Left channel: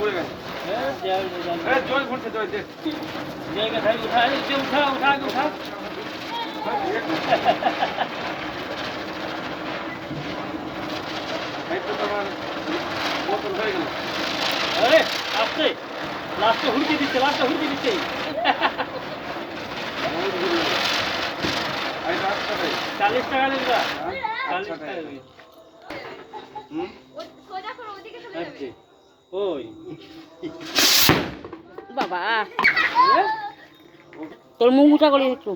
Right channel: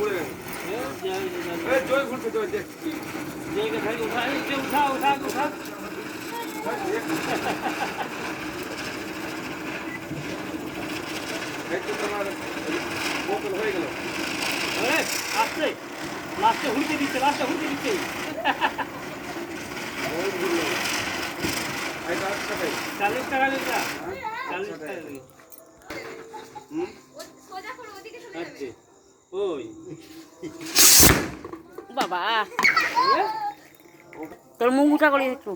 পড়ে গেল জল পড়ছে জল দেখ জায়গা থেকে উঠা কি উঠা উঠা উঠা এই তো তোমার বোতল হয়ে গেল আরে আস্তে লাস্টে হুড়কে দিচ্ছে লাস্টে হুড়কে দিচ্ছে এই রাস্তা ভাই 40 টাকা লিখবা 40 টাকা সোজা করে ওদিকে চলে যাবে ওই বাবা তোর মুখ উঠা করে একটু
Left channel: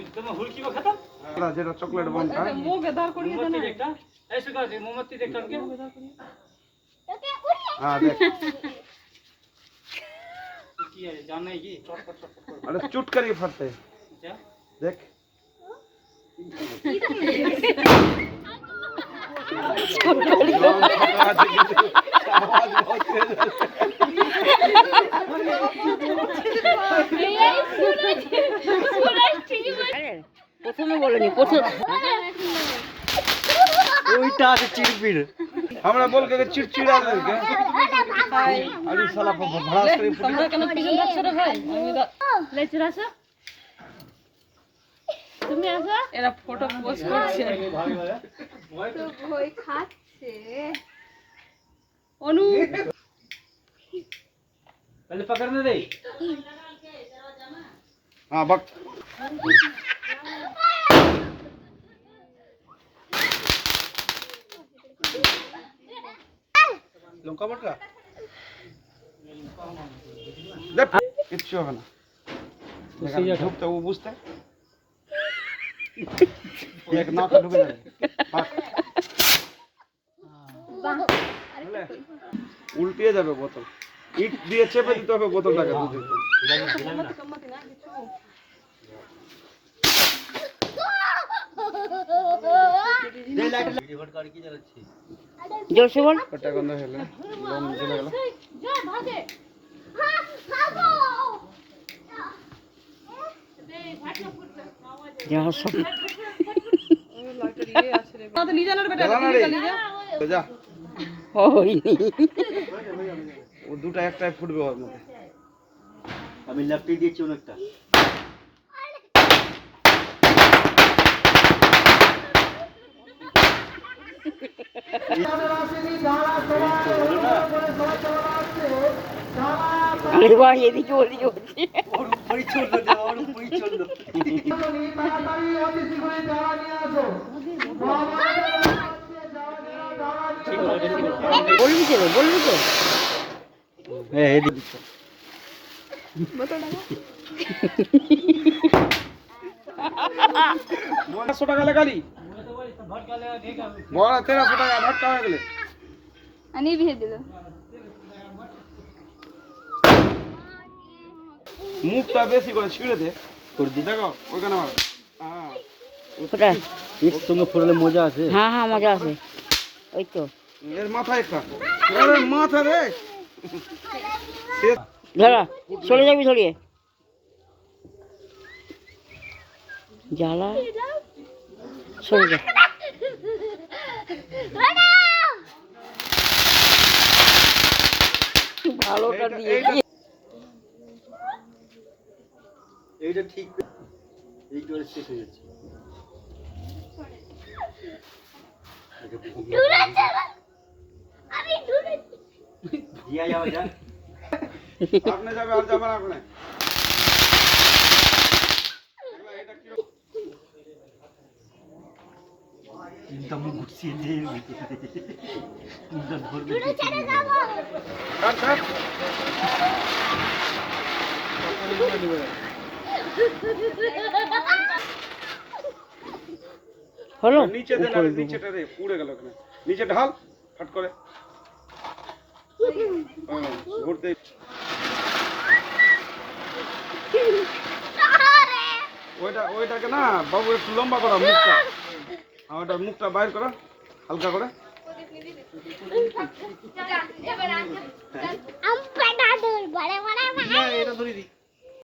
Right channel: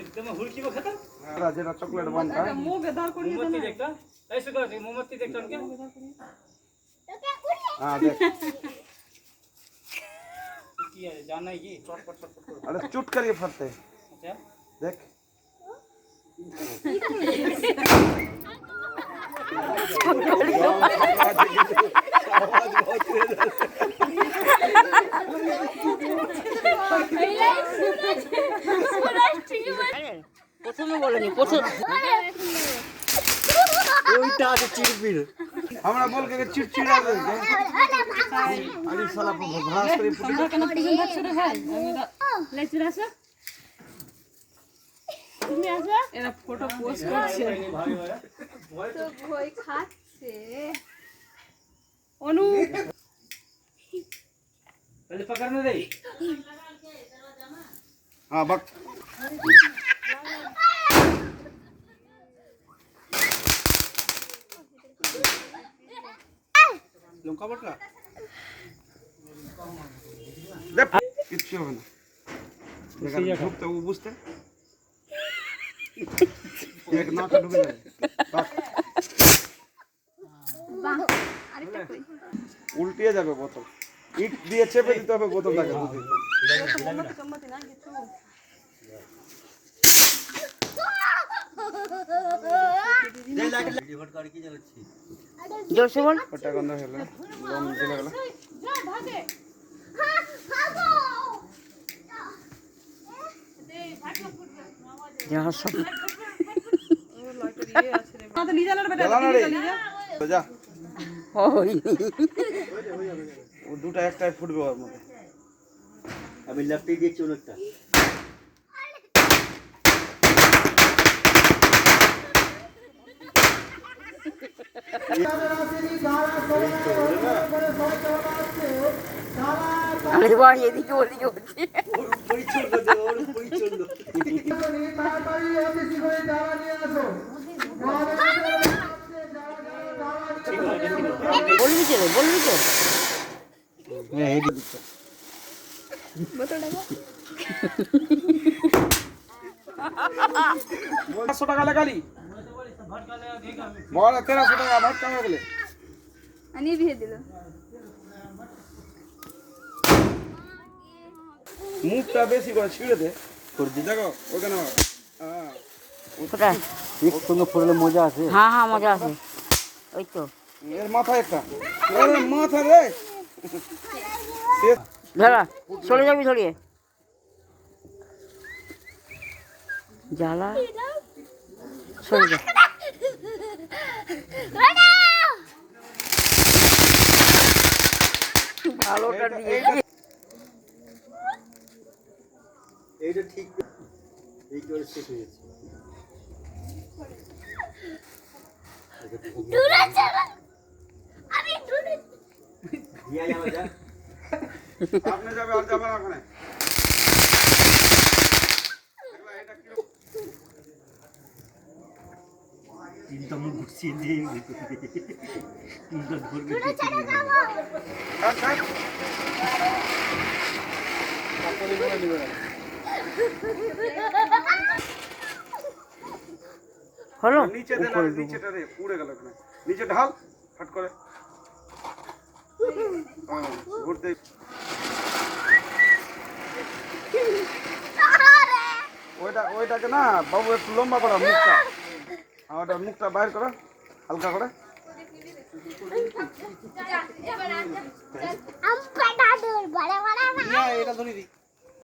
एकदम हुलकी को खत्म जेटा चॉकलेट बनता है मुंह के दार करिए मोमबत्ती देखता ऐसे कर मोमबत्ती देख करके हां देख की है जानना है कि चटपट चटपट अरे चुट करके फटते हैं क्या देख প্রথমে বলেনি প্রথম ওইটা আছে চিড়বিড় আমরা বল के चिड़चिड़ा दे के अरे साला भास करे তোমরা কেন প্রেজেন্ট শুরু হয় লেচুর আসো তুমি আসো এরা ফটো পোস্ট করছে भाभी वाला তো ভয় খাচ্ছে অনু पहले पकड़ने दे हां बक लंका बटका देख किच्छु হবে না देखा ढुकते वो बुझते एक नाक ढुके जाए উল্টিয়ে যাবে বোতল ইট দিয়ে চেপে দিতে হবে বোতলটাকে দুধে কম্মতি না কিছু জোরসে বল কটা গন্ধ হলো লং জ্বলে গেল যা সব লাইটার ইয়ে আছে রে না তো লিজা না বেটা লিজা তো যা হয়নি ও দুটো একটাই ফুটবে ওর মধ্যে আমি লেফটে দিয়েছি অনেকটা আরে ভাই এদিকে ওদিকে হচ্ছে পরিচ্ছন্ন দেওয়ার পরিচ্ছন্ন বলবি তো বলবি তো হ্যাঁ এই দিকে বোতলটা 100 টাকা লাগালি भटका ले देखा বড় 1300 টাকা ভটকা হয়ে গেলে আনি ভিয়ে দিল মুখটা বেশি করে ছিঁড়ে দে তোর দি দেখো ওখানে মার হ্যাঁ কোথা এর সঙ্গে পড়লে মজা আছে হ্যাঁ হ্যাঁ মজা আছে ওই তো এর মাথায় একটা এর মাথা রে ধরা চলে যাবি ধরিয়ে জ্বালা সরে যা ভালোটা দিয়ে এইটা ঠিক এই করে শেষ হয়ে যাচ্ছে দিয়া যাবে যা আপনি যাবে আর যাবে না ওখানে চিন্তা মুখ ঘুরছিয়ে দিয়ে চিন্তা ধরবে কাট কাট হলো নিচে দে না নিচেটা রে পুড়ে গেল ওখানে নিচে ঢাল ফট করে ঘুরতে ওইটাকে না বাবু একটু লম্বা করা মুখটা ওটার মুখটা বাইর করো হালকা করে এটা ধরে দিই